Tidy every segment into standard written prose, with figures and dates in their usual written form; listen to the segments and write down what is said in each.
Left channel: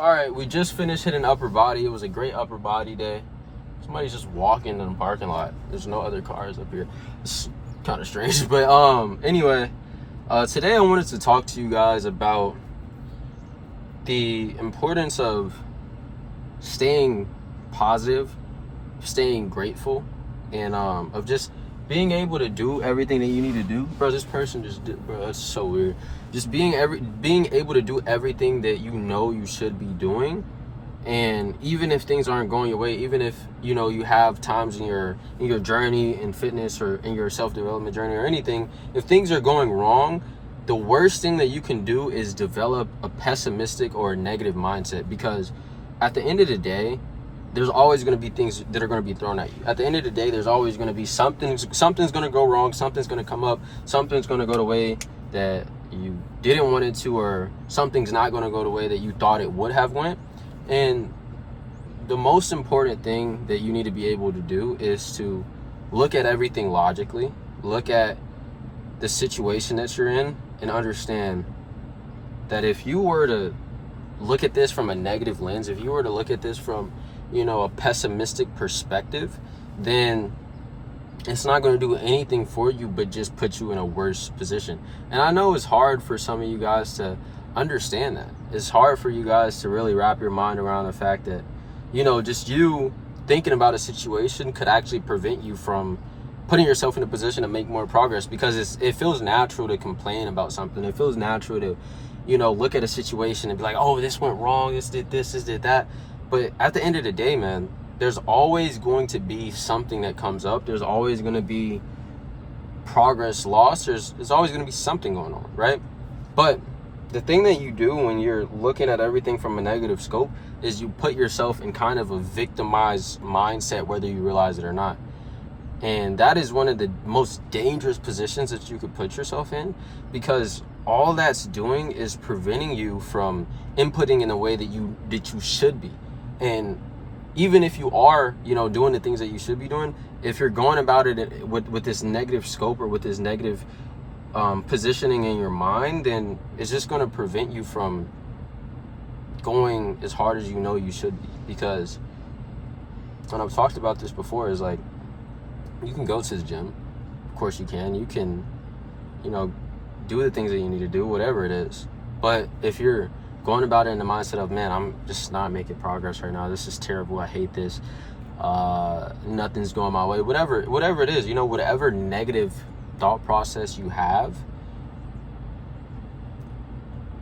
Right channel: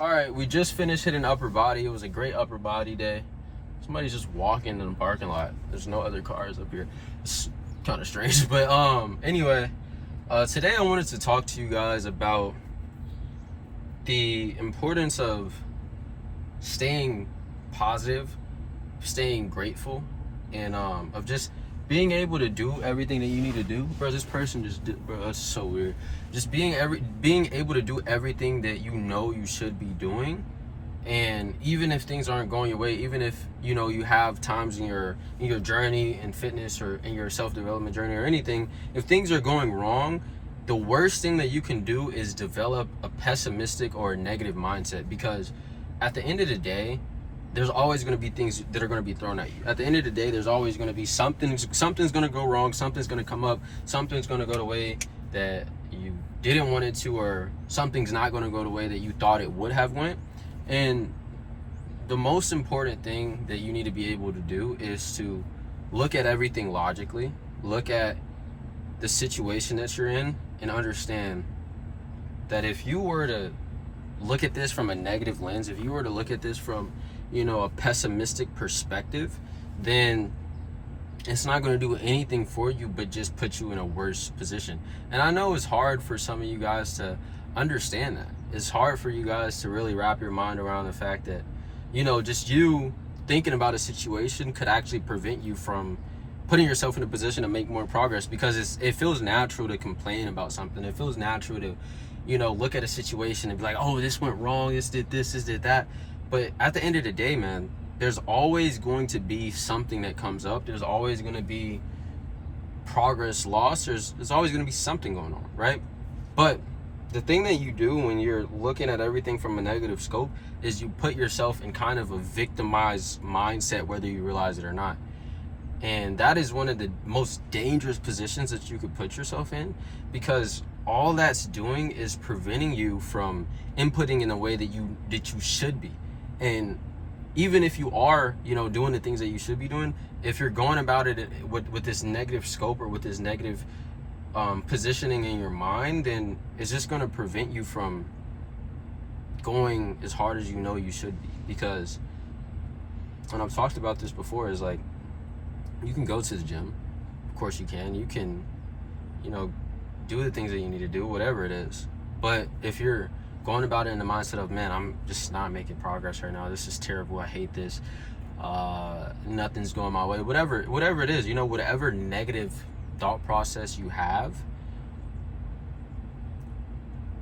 All right, we just finished hitting upper body. It was a great upper body day. Somebody's just walking in the parking lot. There's no other cars up here. It's kind of strange, but anyway, today I wanted to talk to you guys about the importance of staying positive, staying grateful, and of just being able to do everything that you need to do. Bro, this person just did, bro, that's so weird. Just being able to do everything that you know you should be doing. And even if things aren't going your way, even if you know you have times in your journey in fitness or in your self-development journey or anything, if things are going wrong, the worst thing that you can do is develop a pessimistic or a negative mindset, because at the end of the day, there's always going to be things that are going to be thrown at you. At the end of the day, there's always going to be something's going to go wrong, something's going to come up, something's going to go the way that you didn't want it to, or something's not going to go the way that you thought it would have went. And the most important thing that you need to be able to do is to look at everything logically, look at the situation that you're in, and understand that if you were to look at this from a negative lens, if you were to look at this from, a pessimistic perspective, then it's not going to do anything for you but just put you in a worse position. And I know it's hard for some of you guys to understand that. It's hard for you guys to really wrap your mind around the fact that, just you thinking about a situation could actually prevent you from putting yourself in a position to make more progress, because it feels natural to complain about something. It feels natural to, look at a situation and be like, oh, this went wrong, this did that. But at the end of the day, man, there's always going to be something that comes up. There's always going to be progress lost. There's always going to be something going on, right? But the thing that you do when you're looking at everything from a negative scope is you put yourself in kind of a victimized mindset, whether you realize it or not. And that is one of the most dangerous positions that you could put yourself in, because all that's doing is preventing you from inputting in the way that you should be. And even if you are, doing the things that you should be doing, if you're going about it with this negative scope or with this negative positioning in your mind, then it's just going to prevent you from going as hard as you should be. Because when I've talked about this before, is like, you can go to the gym, of course you can do the things that you need to do, whatever it is. But if you're going about it in the mindset of, man, I'm just not making progress right now, this is terrible, I hate this, nothing's going my way, whatever it is, whatever negative thought process you have,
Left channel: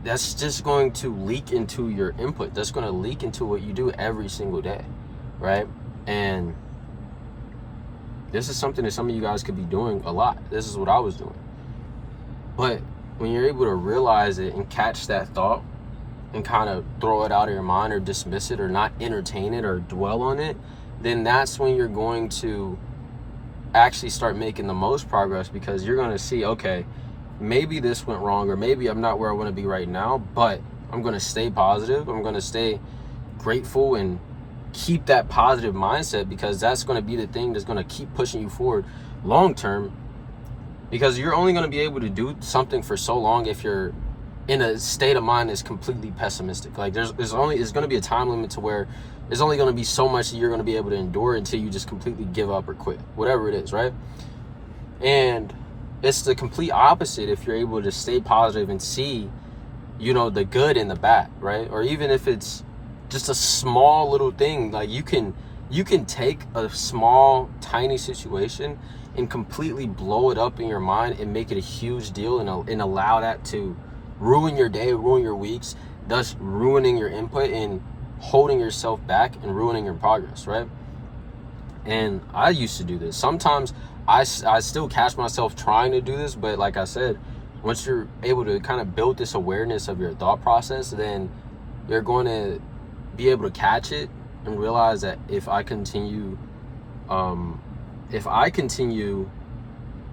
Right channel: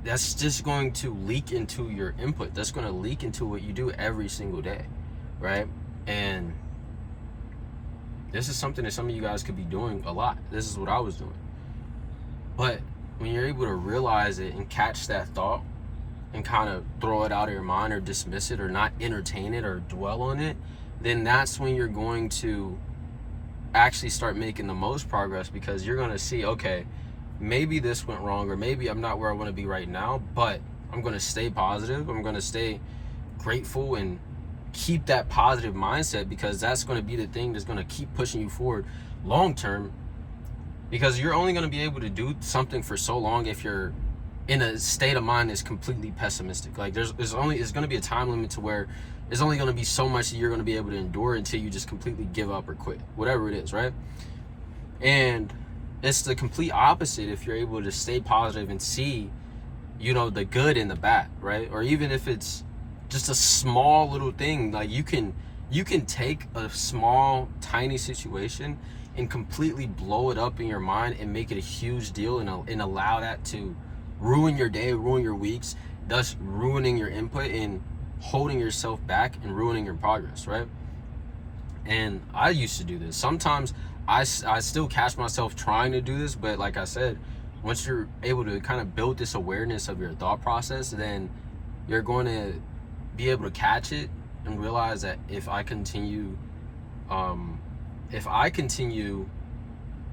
that's just going to leak into your input. That's going to leak into what you do every single day, right? And this is something that some of you guys could be doing a lot. This is what I was doing. But when you're able to realize it and catch that thought and kind of throw it out of your mind or dismiss it or not entertain it or dwell on it, then that's when you're going to actually start making the most progress, because you're going to see, okay, maybe this went wrong, or maybe I'm not where I want to be right now, but I'm going to stay positive. I'm going to stay grateful and keep that positive mindset, because that's going to be the thing that's going to keep pushing you forward long term. Because you're only going to be able to do something for so long if you're in a state of mind that's completely pessimistic. Like there's going to be a time limit to where there's only going to be so much that you're going to be able to endure until you just completely give up or quit, whatever it is, right? And it's the complete opposite if you're able to stay positive and see, the good and the bad, right? Or even if it's just a small little thing, like you can take a small, tiny situation and completely blow it up in your mind and make it a huge deal, and allow that to ruin your day, ruin your weeks, thus ruining your input and holding yourself back and ruining your progress, right? And I used to do this. Sometimes I still catch myself trying to do this, but like I said, once you're able to kind of build this awareness of your thought process, then you're going to be able to catch it and realize that if I continue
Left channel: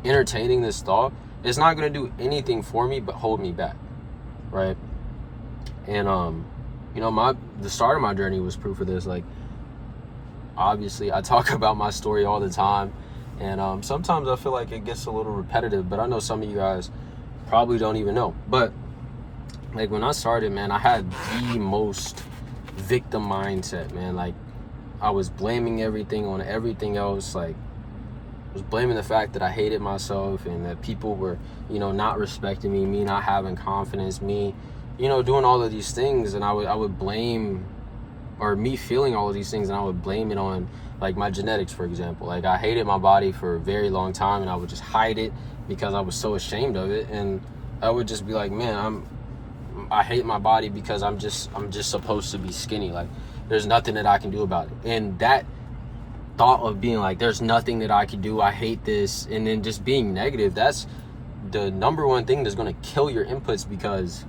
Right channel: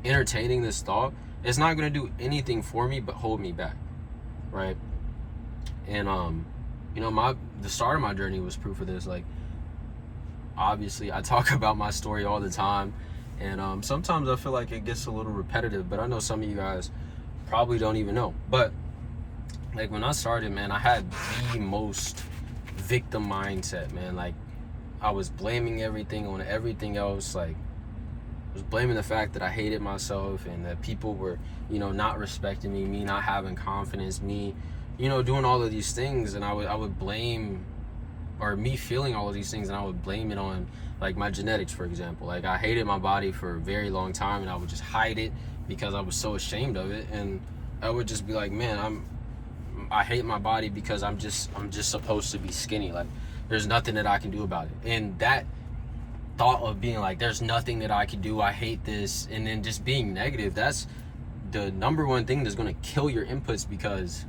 entertaining this thought, it's not going to do anything for me but hold me back, right? And the start of my journey was proof of this. Like, obviously I talk about my story all the time, and sometimes I feel like it gets a little repetitive, but I know some of you guys probably don't even know. But like when I started, man, I had the most victim mindset, man. Like, I was blaming everything on everything else. Like, I was blaming the fact that I hated myself and that people were, not respecting me not having confidence, me, doing all of these things. And I would blame, or me feeling all of these things, and I would blame it on, like, my genetics, for example. Like, I hated my body for a very long time, and I would just hide it because I was so ashamed of it. And I would just be like, man, I hate my body because I'm just supposed to be skinny. Like, there's nothing that I can do about it. And that thought of being like, there's nothing that I can do, I hate this, and then just being negative, that's the number one thing that's going to kill your inputs. Because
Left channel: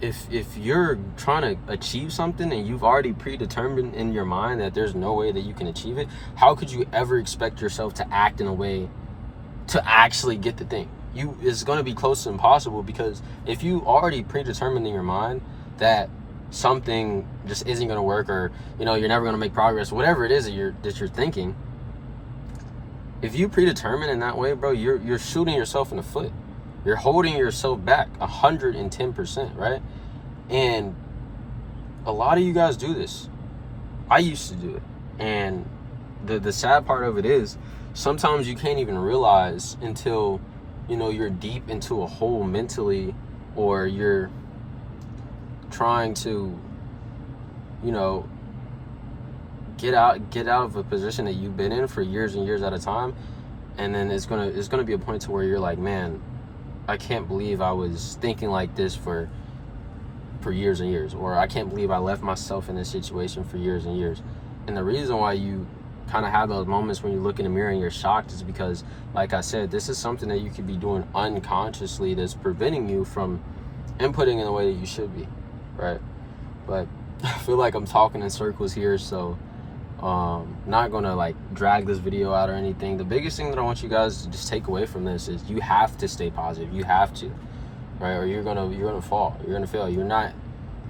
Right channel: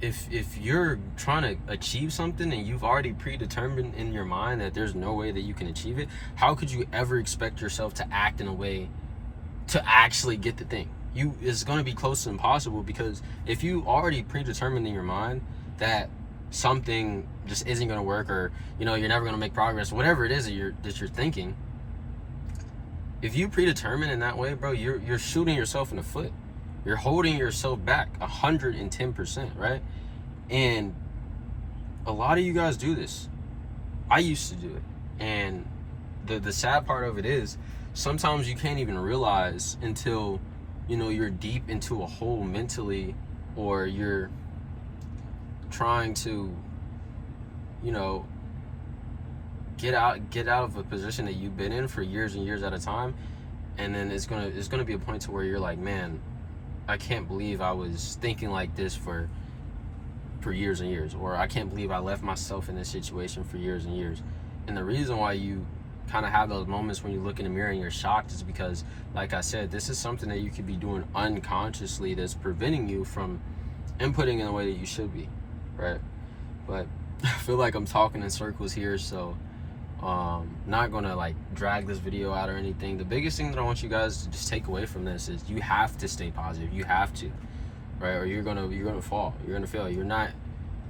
if you're trying to achieve something and you've already predetermined in your mind that there's no way that you can achieve it, how could you ever expect yourself to act in a way to actually get the thing? It's going to be close to impossible, because if you already predetermined in your mind that something just isn't going to work, or you're never going to make progress, whatever it is that you're thinking, if you predetermine in that way, bro, you're shooting yourself in the foot. You're holding yourself back 110%, right? And a lot of you guys do this. I used to do it. And the sad part of it is, sometimes you can't even realize until you're deep into a hole mentally, or you're trying to get out of a position that you've been in for years and years at a time. And then it's gonna be a point to where you're like, man, I can't believe I was thinking like this for years and years, or I can't believe I left myself in this situation for years and years. And the reason why you kind of have those moments when you look in the mirror and you're shocked is because, like I said, this is something that you could be doing unconsciously that's preventing you from inputting in the way that you should be, right? But I feel like I'm talking in circles here, so not gonna like drag this video out or anything. The biggest thing that I want you guys to just take away from this is you have to stay positive. You have to, right? Or you're gonna fall. You're gonna fail. You're not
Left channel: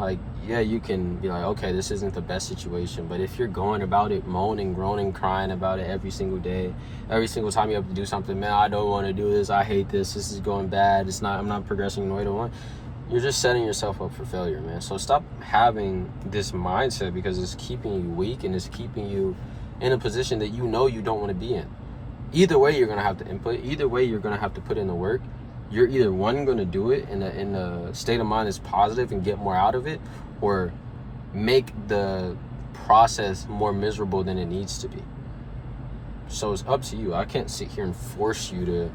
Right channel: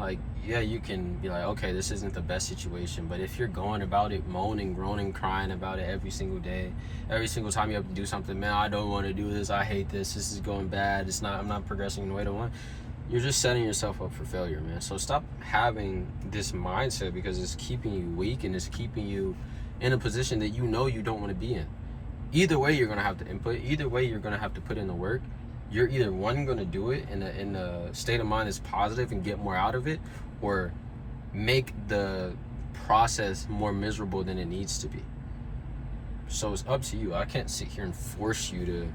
like, yeah, you can be like, okay, this isn't the best situation, but if you're going about it moaning, groaning, crying about it every single day, every single time you have to do something, man, I don't want to do this, I hate this is going bad, I'm not progressing in the way I want, you're just setting yourself up for failure, man. So stop having this mindset, because it's keeping you weak and it's keeping you in a position that you don't want to be in. Either way, you're going to have to input. Either way, you're going to have to put in the work. You're either going to do it in a state of mind that's positive and get more out of it, or make the process more miserable than it needs to be. So it's up to you. I can't sit here and force you to,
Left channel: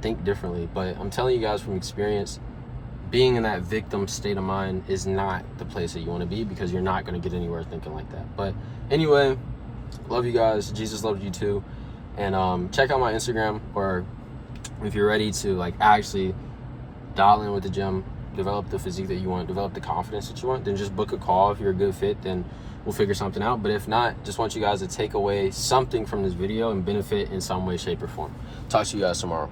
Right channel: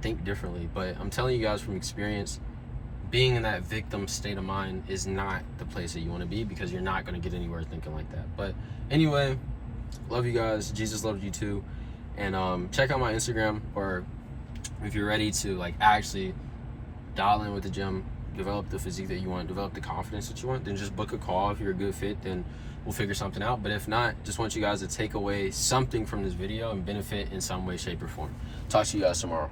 think differently. But I'm telling you guys from experience, being in that victim state of mind is not the place that you want to be, because you're not going to get anywhere thinking like that. But anyway, love you guys. Jesus loves you too. And check out my Instagram, or if you're ready to like actually dial in with the gym, develop the physique that you want, develop the confidence that you want, then just book a call. If you're a good fit, then we'll figure something out. But if not, just want you guys to take away something from this video and benefit in some way, shape, or form. Talk to you guys tomorrow.